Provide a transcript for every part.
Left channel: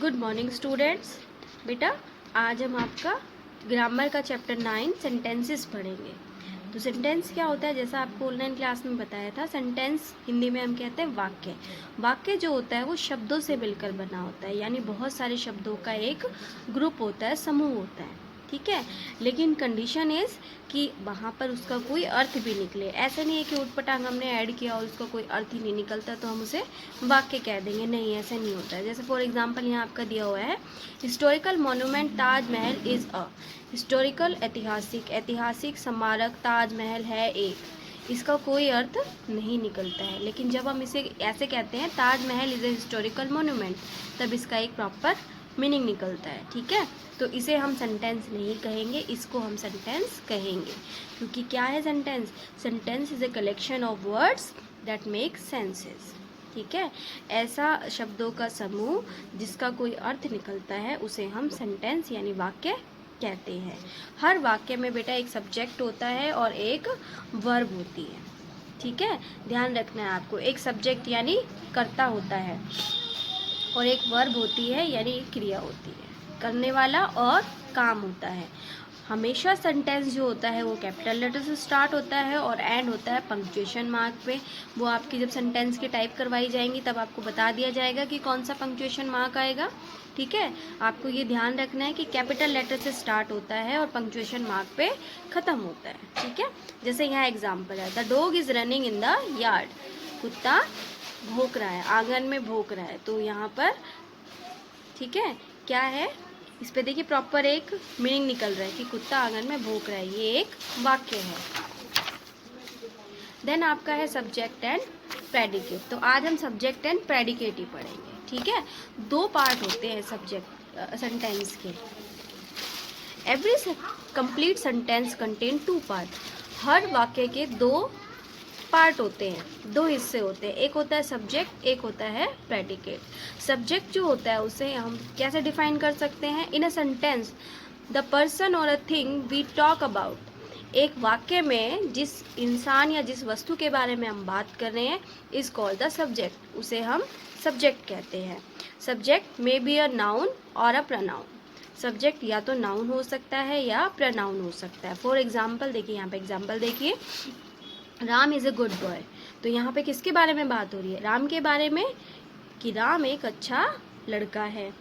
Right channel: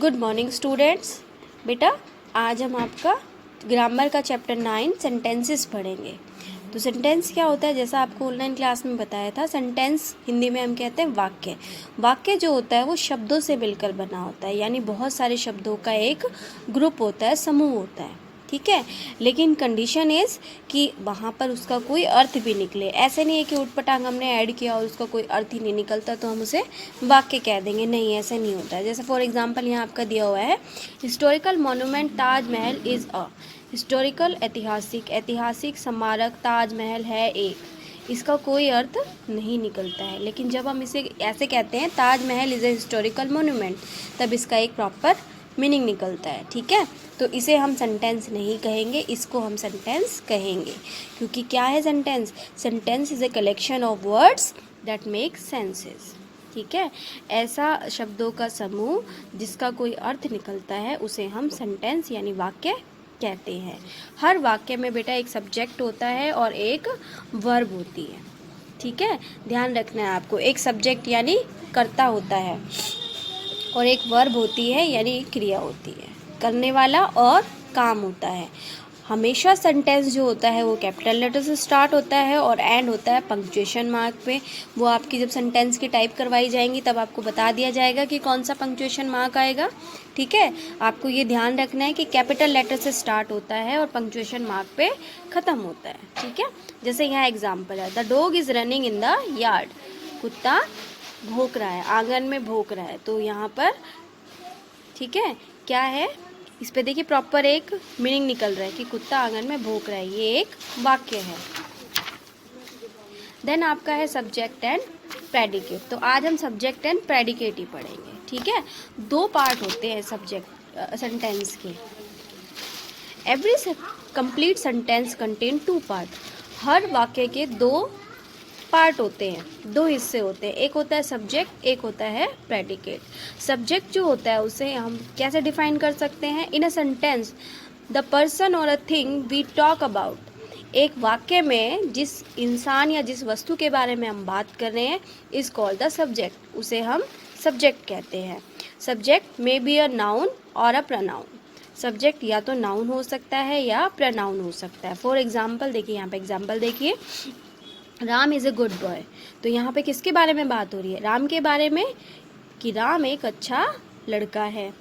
Good morning students. बेटा आज हम आपका ग्रामर का चैप्टर 9 सेंटेंसेस पढ़ेंगे। तो सेंटेंस क्या होता है, जैसा आपको ऑनलाइन क्लास में बताया था, सेंटेंस हिंदी में हम कहते हैं वाक्य। वाक्य जो होता है वो शब्दों से मिलकर बना होता है, यानी बहुत सारे शब्दों का एक ग्रुप होता है, समूह होता है, ठीक है। लेकिन कंडीशन इज़ कि वहाँ पर उसका कोई अर्थ भी निकले। ऐसे नहीं है कि उटपटांग हमने ऐड किया और उसका कोई अर्थ ही नहीं निकलता तो हम उसे वाक्य कह देंगे, नहीं ऐसे नहीं होता है। जैसे फॉर एग्जांपल यहाँ आपका दिया हुआ है, historical monument Taj Mahal is a historical, ऐतिहासिक स्मारक ताजमहल है एक। इसका कोई अर्थ नहीं निकलता है, लेकिन जब हम इसे ऐसे कहते हैं Taj Mahal is a historical monument, तब इसका एक प्रॉपर मीनिंग निकलता है, ठीक है। तो इसे हम सेंटेंस नहीं कहेंगे, इसको हम सेंटेंस कहेंगे। क्योंकि क्या है sentence? Sentence is a collection of words that make senses, ठीक है। ऐसा शब्दों का समूह जिसका कोई अर्थ निकलता है उसे हम सेंटेंस यानी वाक्य कहते हैं। हर वाक्य में बेटा एक सब्जेक्ट होता है और एक वर्ब होती है, ठीक है। ध्यान रखना है आपको, एक सब्जेक्ट यानी कर्ता होता है और एक वर्ब होती है यानी क्रिया होती है, करने वाला और काम होता है। हमेशा सेंटेंस जो होता है वो कैपिटल लेटर से स्टार्ट होता है और एंड होता है पंक्चुएशन मार्क पे। वो आपकी जब सेंटेंस की टाइप करवाई जाएंगी तब आपको बता दिया जाएगा कि कौन सा पंक्चुएशन मार्क आएगा, ठीक है। आपको ये ध्यान रखना है कि कैपिटल लेटर से स्टार्ट होता है और पंक्चुएशन मार्क पे ख़त्म होता है, ठीक है। जैसे यहाँ एग्जाम्पल है, the dog is running in the yard. कुत्ता भौंक रहा है, आंगन में भौंक रहा है। तो यहाँ पर ठीक है क्या है, इस पे देखिए प्रॉपर एक मीनिंग निकल रहा है कि कुत्ता आंगन में भौंक रहा है, ये एक वाक्य है। देन आपका है सब्जेक्ट एंड प्रेडिकेट। तो आज हम सब्जेक्ट एंड प्रेडिकेट ही पढ़ेंगे, ठीक है। दो पार्ट होते हैं सब्जेक्ट सेंटेंस के। Every complete sentence contain two part. हर वाक्य के दो पार्ट होते हैं, दो हिस्से होते हैं, एक होता है सब्जेक्ट, एक होता है प्रेडिकेट। सब्जेक्ट जो होता है उसे हम कैसे डिफाइन कर सकते हैं? In a sentence the person और a thing we talk about. एक वाक्य में जिस इंसान या जिस वस्तु के बारे में हम बात कर रहे हैं इज कॉल्ड द सब्जेक्ट, उसे हम सब्जेक्ट कहते हैं। Subject may be a noun और अ प्रनाउन। सब्जेक्ट या तो नाउन हो सकता है या प्रनाउन हो सकता है। फॉर एग्जाम्पल देखिए, यहाँ पे एग्जाम्पल देखिए, Ram is a good boy. तो यहाँ पे किसके बारे में बात हो रही है? राम के बारे में, कि राम एक अच्छा लड़का है।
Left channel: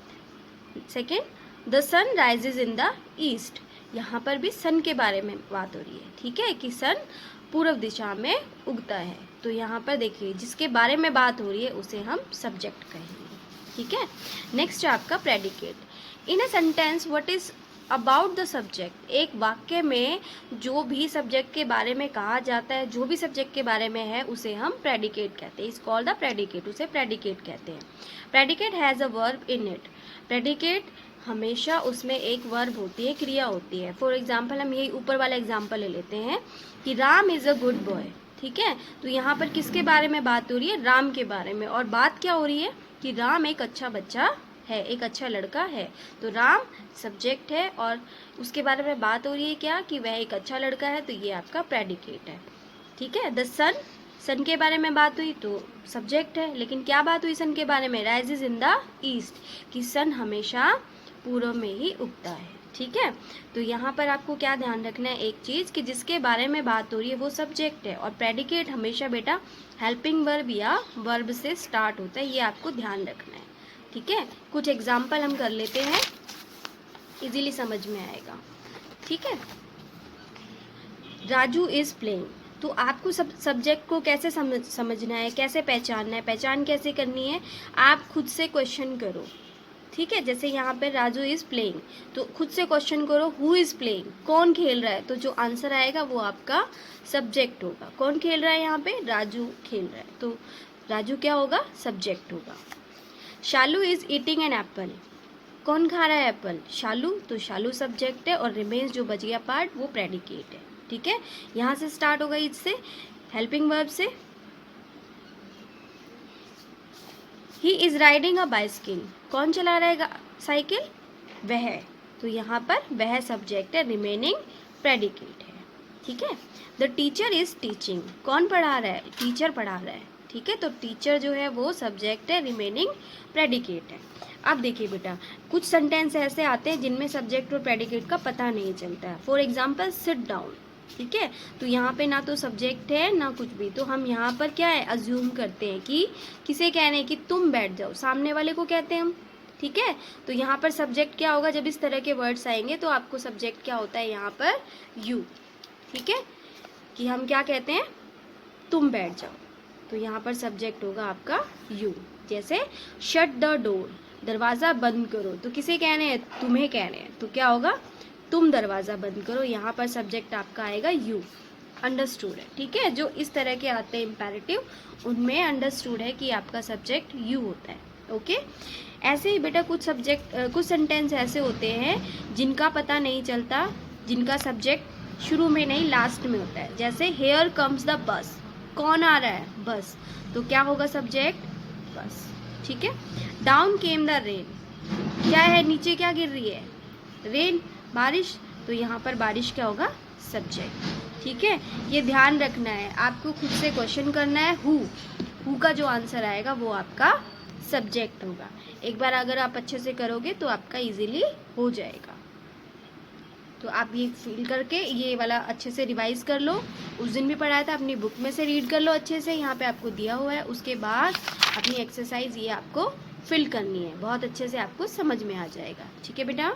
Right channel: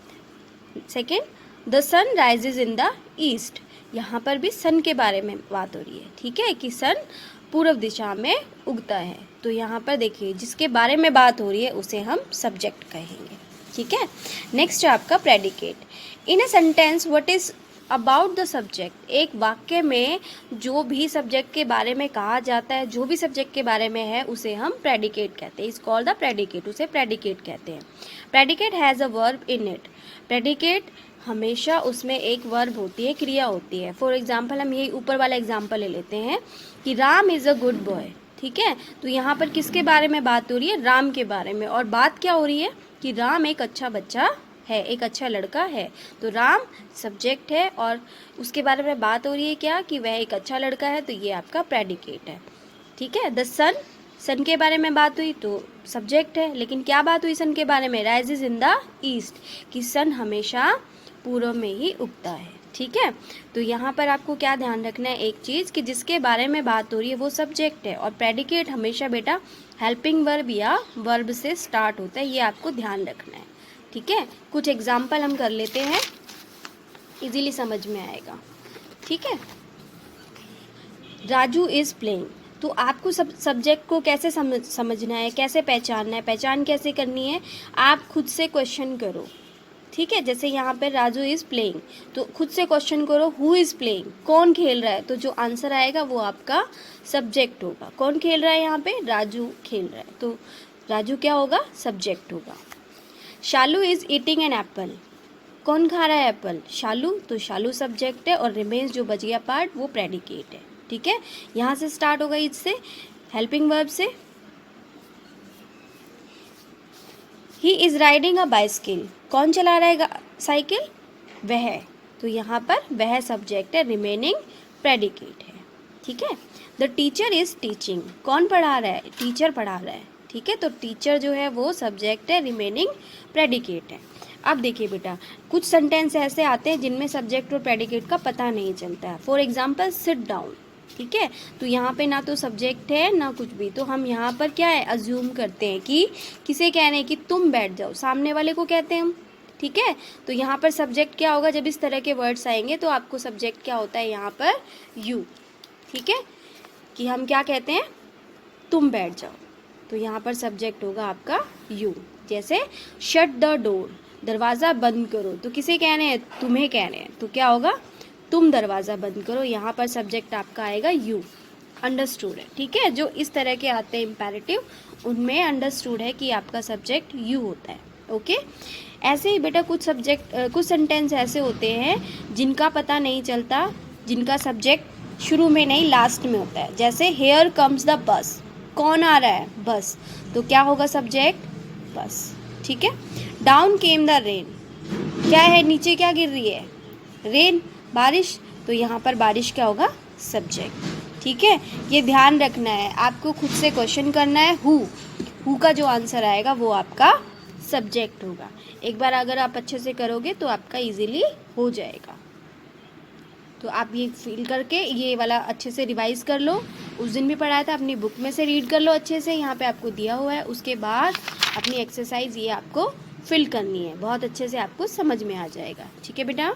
Second, the sun rises in the east. यहाँ पर भी सन के बारे में बात हो रही है, ठीक है, कि सन पूर्व दिशा में उगता है। तो यहाँ पर देखिए जिसके बारे में बात हो रही है उसे हम सब्जेक्ट कहेंगे, ठीक है। नेक्स्ट है आपका predicate. In a sentence what is about the subject. एक वाक्य में जो भी सब्जेक्ट के बारे में कहा जाता है, जो भी सब्जेक्ट के बारे में है उसे हम प्रेडिकेट कहते हैं। इज कॉल्ड द प्रेडिकेट, उसे प्रेडिकेट कहते हैं। Predicate has a verb in it. Predicate हमेशा उसमें एक वर्ब होती है, क्रिया होती है। फॉर एग्जाम्पल हम यही ऊपर वाला एग्जाम्पल ले लेते हैं कि Ram is a good boy, ठीक है। तो यहाँ पर किसके बारे में बात हो रही है? राम के बारे में। और बात क्या हो रही है कि राम एक अच्छा बच्चा है, एक अच्छा लड़का है। तो राम सब्जेक्ट है और उसके बारे में बात हो रही है क्या, कि वह एक अच्छा लड़का है। तो ये आपका प्रेडिकेट है, ठीक है। द सन, सन के बारे में बात हुई तो सब्जेक्ट है, लेकिन क्या बात हुई सन के बारे में? राइजेज इन द ईस्ट, कि सन हमेशा पूर्व में ही उगता है, ठीक है। तो यहाँ पर आपको क्या ध्यान रखना है, एक चीज़ कि जिसके बारे में बात हो रही है वो सब्जेक्ट है और प्रेडिकेट हमेशा बेटा हेल्पिंग वर्ब या वर्ब से स्टार्ट होता है, ये आपको ध्यान रखना है, ठीक है। कुछ एग्जाम्पल हम कर लेते हैं, इजीली समझ में आएगा, ठीक है। Raju is playing. तो आपको सब्जेक्ट को कैसे समझना है, कैसे पहचानना है, पहचान कैसे करनी है, आप खुद से क्वेश्चन करो, ठीक है। जैसे यहाँ पे राजू इज प्लेइंग, तो खुद से क्वेश्चन करो हु इज प्लेइंग, कौन खेल रहा है। तो जो आंसर आएगा वो आपका सब्जेक्ट होगा। कौन खेल रहा है? यहाँ पे राजू खेल रहा है, तो राजू क्या होगा? सब्जेक्ट होगा। शालू इज ईटिंग एन एप्पल। कौन खा रहा है एप्पल? शालू। तो शालू सब्जेक्ट है और रिमेन्स जो बच गया पार्ट वो प्रेडिकेट है, ठीक है। यहाँ से स्टार्ट होगा, इससे हेल्पिंग वर्ब से। He is riding a bicycle. कौन चला रहा है साइकिल? वह। तो यहाँ पर वह सब्जेक्ट है, रिमेनिंग प्रेडिकेट है, ठीक है। The teacher is teaching. कौन पढ़ा रहा है? टीचर पढ़ा रहा है, ठीक है। तो टीचर जो है वो सब्जेक्ट है, रिमेनिंग प्रेडिकेट है। अब देखिए बेटा, कुछ सेंटेंस ऐसे आते हैं जिनमें सब्जेक्ट और प्रेडिकेट का पता नहीं चलता है। फॉर एग्जाम्पल सिट डाउन, ठीक है, तो यहाँ पे ना तो सब्जेक्ट है ना कुछ भी, तो हम यहाँ पर क्या है अज्यूम करते हैं कि किसे कहने हैं कि तुम बैठ जाओ, सामने वाले को कहते हैं हम, ठीक है। तो यहाँ पर सब्जेक्ट क्या होगा, जब इस तरह के वर्ड्स आएंगे तो आपको सब्जेक्ट क्या होता है यहाँ पर यू, ठीक है, कि हम क्या कहते हैं तुम बैठ जाओ, तो यहाँ पर सब्जेक्ट होगा आपका यू। जैसे शट द डोर, दरवाज़ा बंद करो, तो किसे कहने हैं, तुम्हें कहने हैं, तो क्या होगा तुम दरवाज़ा बंद करो, यहाँ पर सब्जेक्ट आपका आएगा यू। अंडरस्टूड है, ठीक है। जो इस तरह के आते हैं इम्पेरेटिव, उनमें अंडरस्टूड है कि आपका सब्जेक्ट यू होता है। ओके, ऐसे ही बेटा कुछ सेंटेंस ऐसे होते हैं जिनका पता नहीं चलता, जिनका सब्जेक्ट शुरू में नहीं लास्ट में होता है। जैसे हेयर कम्स द बस, कौन आ रहा है, बस, तो क्या होगा सब्जेक्ट बस, ठीक है। डाउन केम द रेन, क्या है नीचे क्या गिर रही है, रेन, बारिश, तो यहाँ पर बारिश क्या होगा सब्जेक्ट, ठीक है। ये ध्यान रखना है, आपको खुद से क्वेश्चन करना है, हु का जो आंसर आएगा वो आपका सब्जेक्ट होगा। एक बार अगर आप अच्छे से करोगे तो आपका इजीली हो जाएगा। तो आप ये फील करके ये वाला अच्छे से रिवाइज कर लो, उस दिन भी पढ़ाया था, अपनी बुक में से रीड कर लो अच्छे से, यहाँ पे आपको दिया हुआ है। उसके बाद अपनी एक्सरसाइज ये आपको फिल करनी है, बहुत अच्छे से आपको समझ में आ जाएगा, ठीक है बेटा।